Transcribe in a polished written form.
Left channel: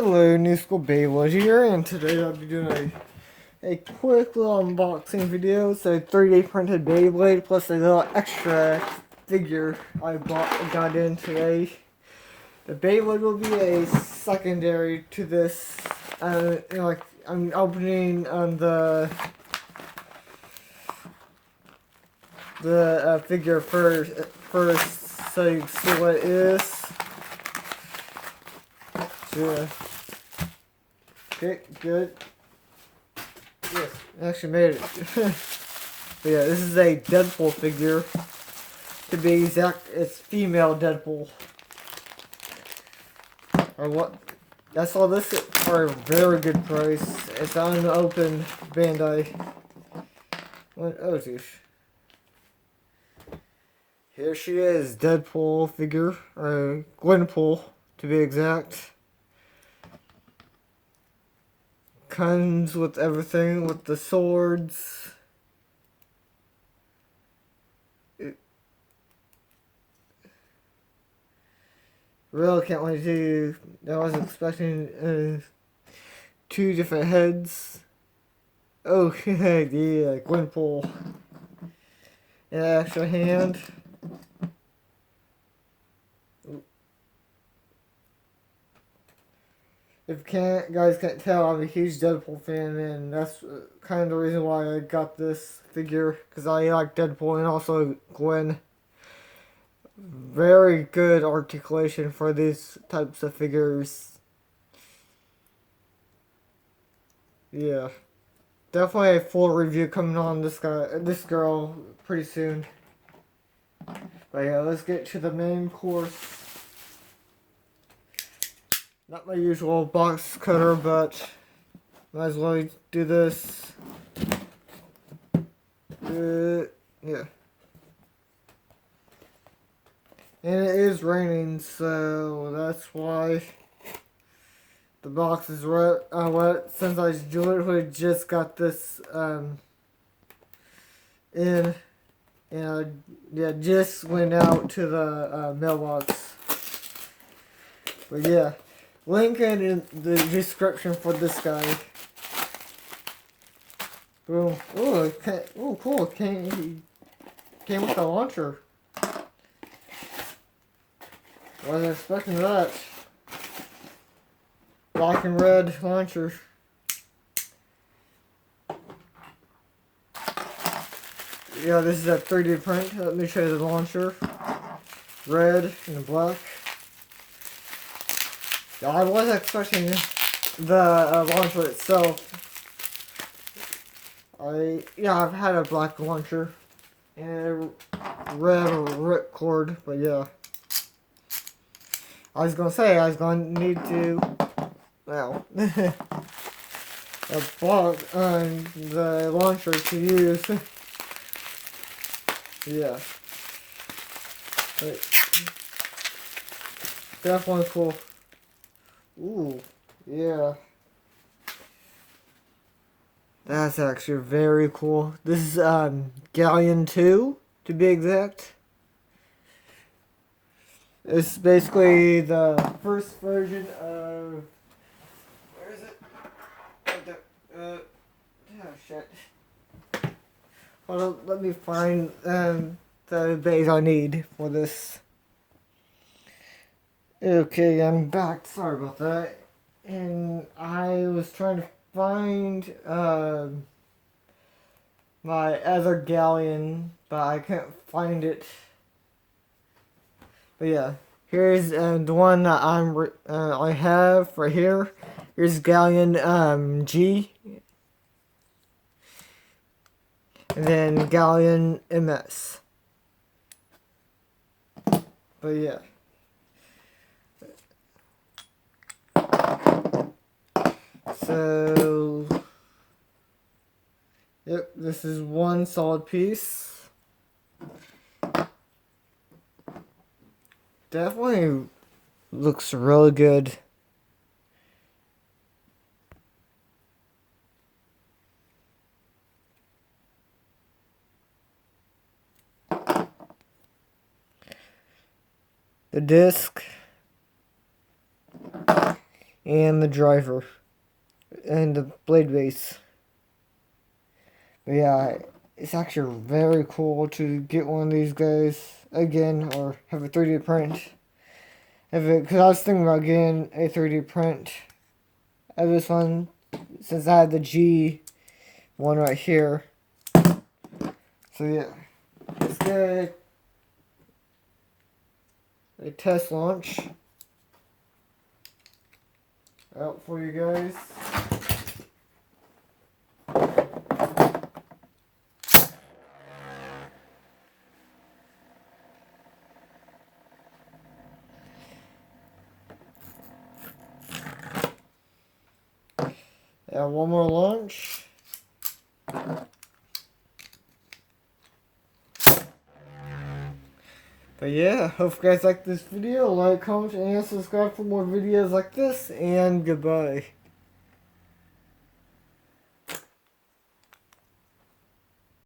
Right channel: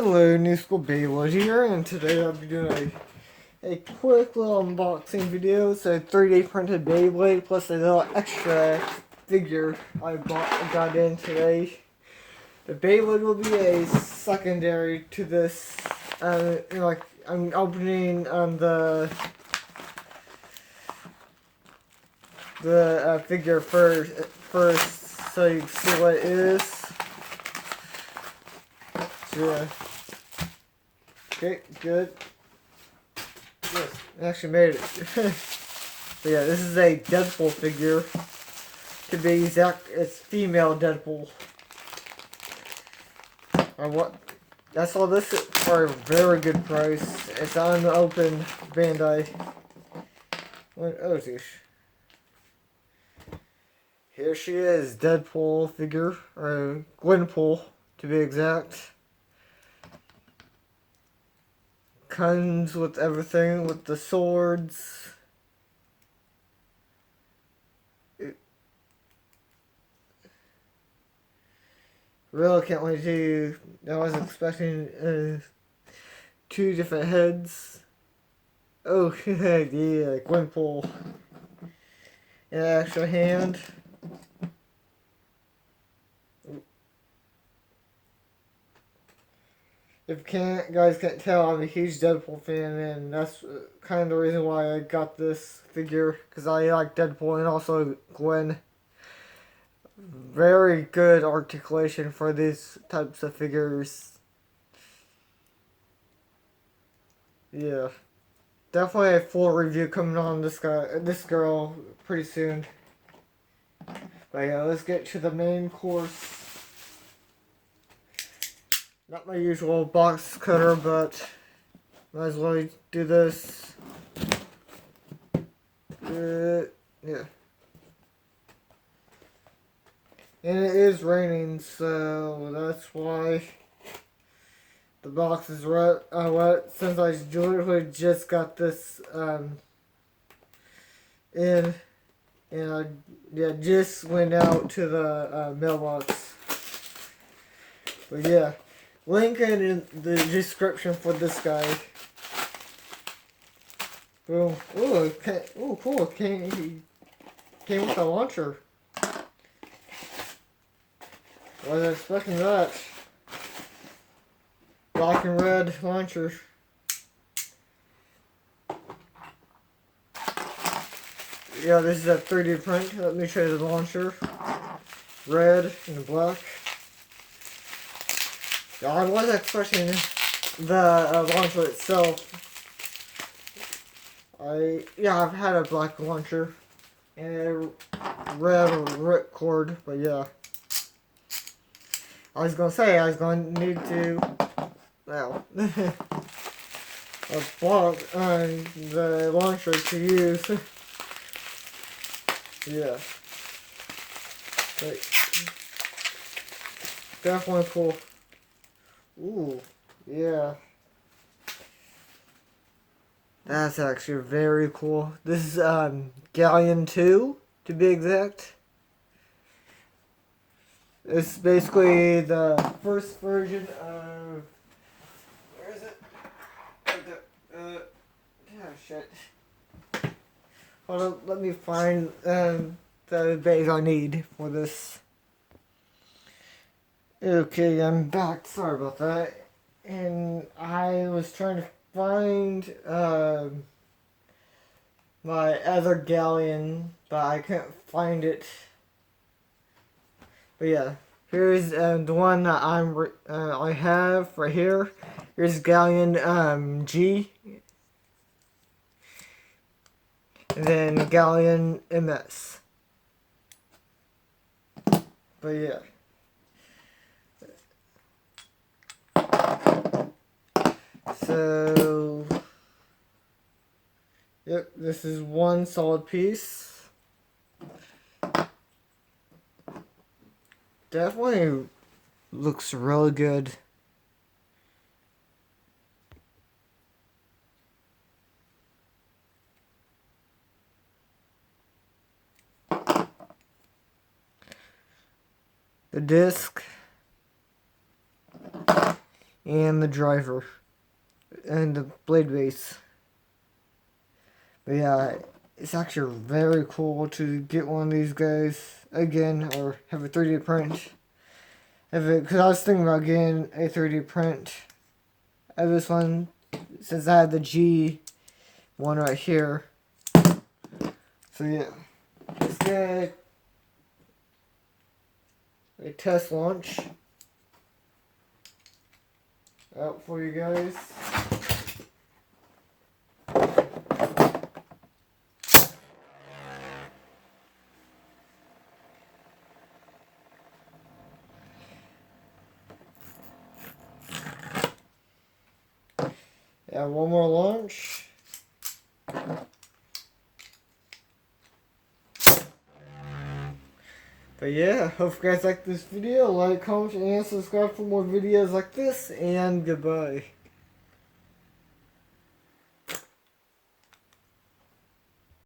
Hello, New School Beyblade here, and today I'll be doing a quick little unboxing video. So 3D printed Beyblade plus a little extra figure got in today. The Beyblade will be a secondary to this. I'm opening on the figure first, so you can see what it is. So, yeah. Okay, good. Yes, I actually made it. But yeah, this is a Deadpool figure. To be exact, it's female Deadpool. I saw this for a very good price. It's unopened Bandai. Oh, geez. Here she is, Deadpool figure, or Gwenpool, to be exact. Comes with everything, with the swords. Really can't wait to. I was expecting 2 different heads. Oh, yeah, Gwenpool. An extra hand. If guys can't tell, I'm a huge Deadpool fan, and that's kind of the reason why I got this figure, because I like Deadpool and also Gwen. Very good articulation for these types of figures. Yeah, definitely a full review coming on this girl pretty soon. But yeah, let's get to the main course. Not my usual box cutter, but might as well do this. Yeah. And it is raining, so that's why the box is wet. Since I literally just got this in, and just went out to the mailbox. But yeah. Link in the description for this guy. Boom. Oh, cool. Came with the launcher. Wasn't expecting that. Black and red launcher. Yeah, this is a 3D print. Let me show you the launcher. Red and black. I was expecting the launcher itself. I've had a black launcher and a red ripcord, but yeah. I was gonna need to, well, a block on the launcher to use. Yeah. But definitely cool. Ooh, yeah. That's actually very cool. This is Galeon 2, to be exact. It's basically the first version of... Where is it? Oh, shit. Hold on, let me find the base I need for this. Okay, I'm back. Sorry about that. And I was trying to find my other Galeon, but I can't find it. But yeah, here's the one that I have right here. Here's Galeon G, and then Galeon MS. But yeah. So, yep, this is one solid piece. Definitely looks really good. The disc. and the driver and the blade base. But yeah, it's actually very cool to get one of these guys again, or have a 3D print of it, because I was thinking about getting a 3D print of this one since I had the G one right here. So yeah, let's get a test launch out for you guys. And one more launch. But yeah, hope you guys like this video. Like, comment, and subscribe for more videos like this. And goodbye.